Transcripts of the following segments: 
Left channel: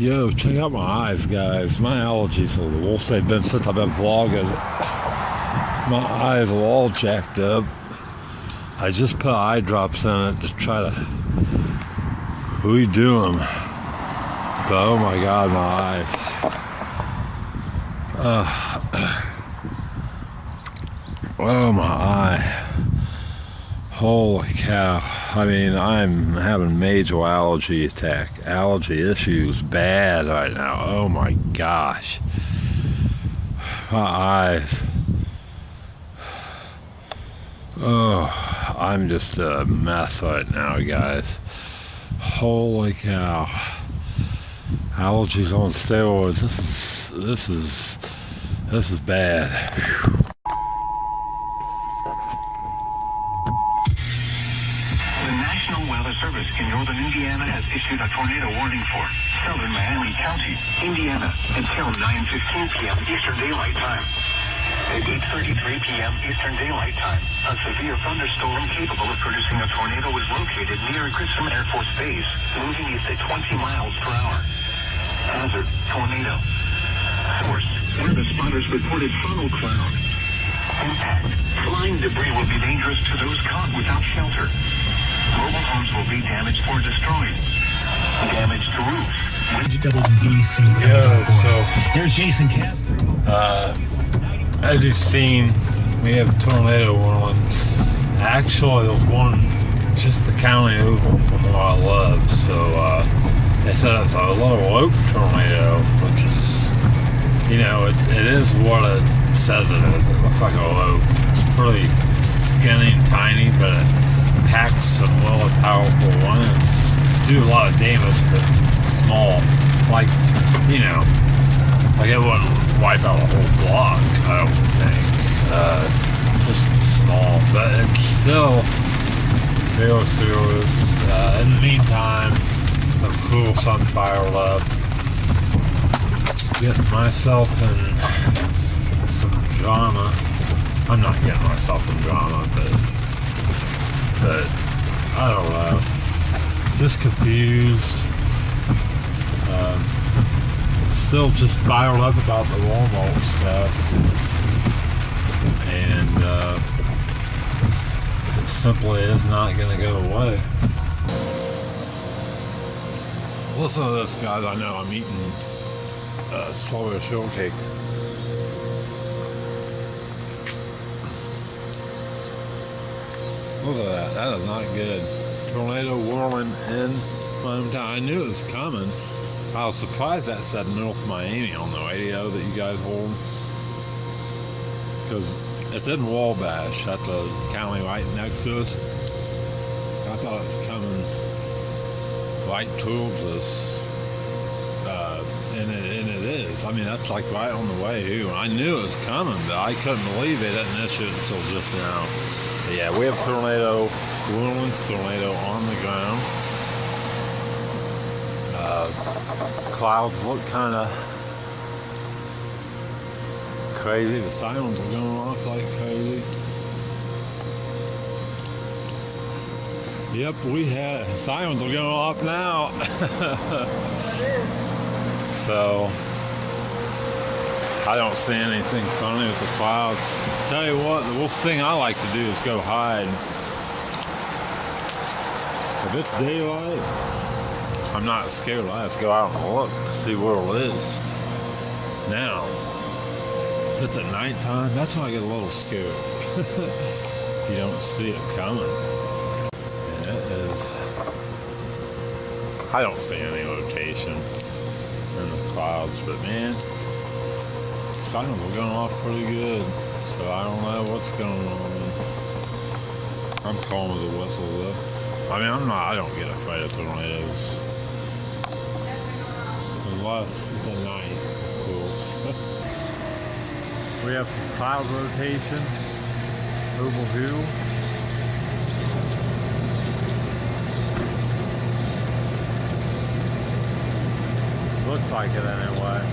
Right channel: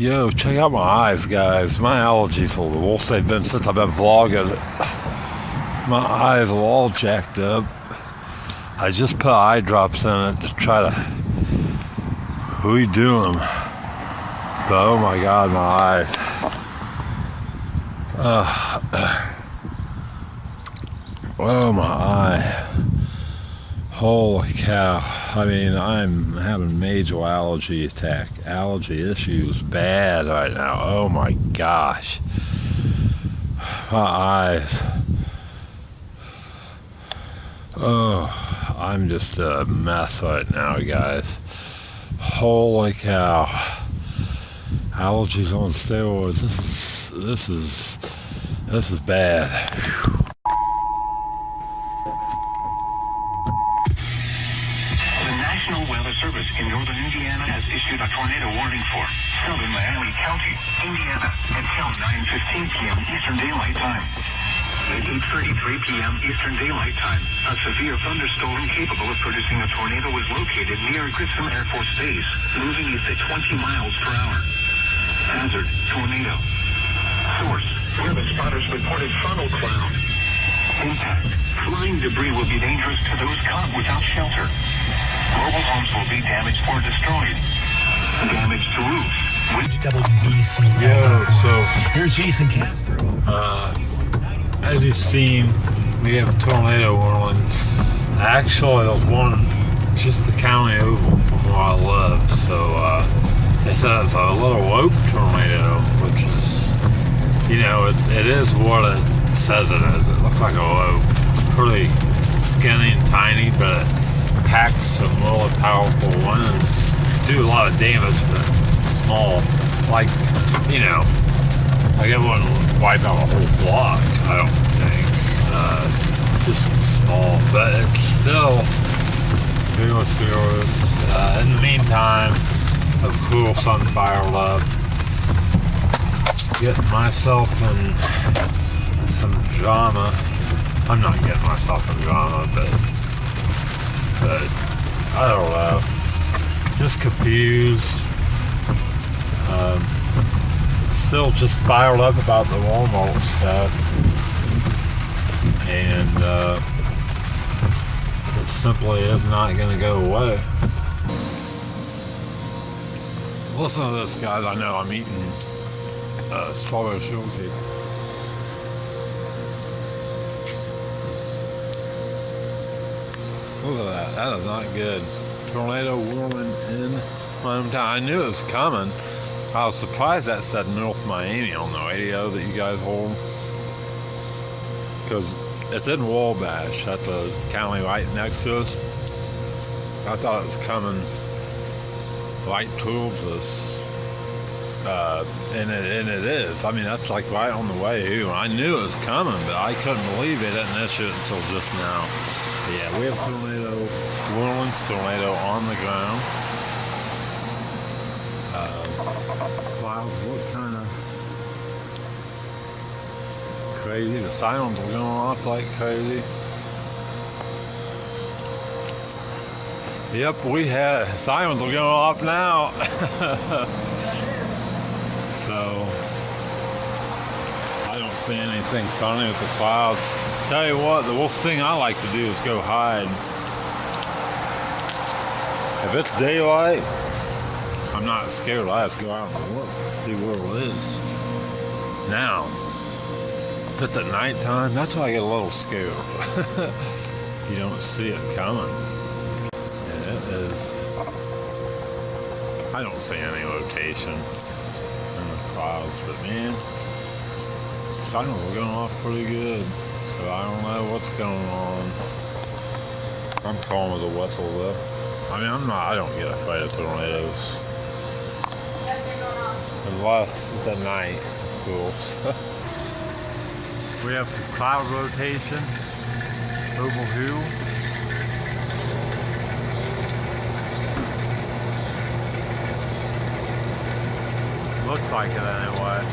Yo, check out my eyes, guys. My allergies are the worst they've been since I've been vlogging. My eyes are all jacked up. I just put eye drops in it to try to redo them. But oh my god, my eyes. Oh my eye. Holy cow. I mean, I'm having major allergy attack. Allergy issues bad right now. Oh my gosh. My eyes. Oh, I'm just a mess right now, guys. Holy cow. Allergies on steroids. This is bad. Whew. National Weather Service in northern Indiana has issued a tornado warning for southern Miami County, Indiana, until 9:15 p.m. Eastern Daylight Time. At 8:33 p.m. Eastern Daylight Time, a severe thunderstorm capable of producing a tornado is located near Grissom Air Force Base, moving east at 20 miles per hour. Hazard, tornado. Source, weather spotters reported funnel cloud. Impact, flying debris will be dangerous to those caught without shelter. Mobile homes will be damaged or destroyed. Damage to roofs. Yo, so There's Jason Castro. as you've seen, we have tornado warnings. Actually, there's one just the county over from where I live. So they said it's a little lope tornado, which is, you know, it is what it says it is. It looks like a lope. It's pretty skinny and tiny, but it packs some really powerful winds. Do a lot of damage, but small. Like, you know, like it wouldn't wipe out a whole block, I don't think. Just small, but it's still very serious. In the meantime, of course, I'm fired up. Getting myself in some drama. I'm not getting myself in drama, but I don't know. Just confused. Still just fired up about the Walmart stuff. And it simply is not going to go away. Listen to this, guys. I know I'm eating strawberry shortcake. Look at that. That is not good. Tornado warning in my hometown. I knew it was coming. I was surprised that said North Miami on the radio that you guys hold. Because it's in Wabash. That's a county right next to us. I thought it was coming right towards us. And it is. I mean, that's like right on the way here. I knew it was coming, but I couldn't believe they didn't issue it until just now. But yeah, we have tornado warnings, tornado on the ground. Clouds look kind of crazy. The sirens are going off like crazy. Yep, we had sirens are going off now. So I don't see anything funny with the clouds. Tell you what, the worst thing I like to do is go hide. If it's daylight, I'm not scared. I just go out and look, see where it is. Now, if it's at nighttime, that's when I get a little scared. You don't see it coming. And it is. I don't see any rotation in the clouds, but man, signals are going off pretty good. So I don't know what's going on. I'm calm with a whistle though. I mean, I don't get afraid of tornadoes. Unless it's at night, of course. We have some cloud rotation over here. Looks like it anyway.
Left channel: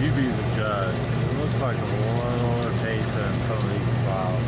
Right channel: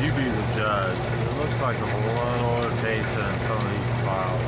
You be the judge. It looks like a little rotation in some of these clouds.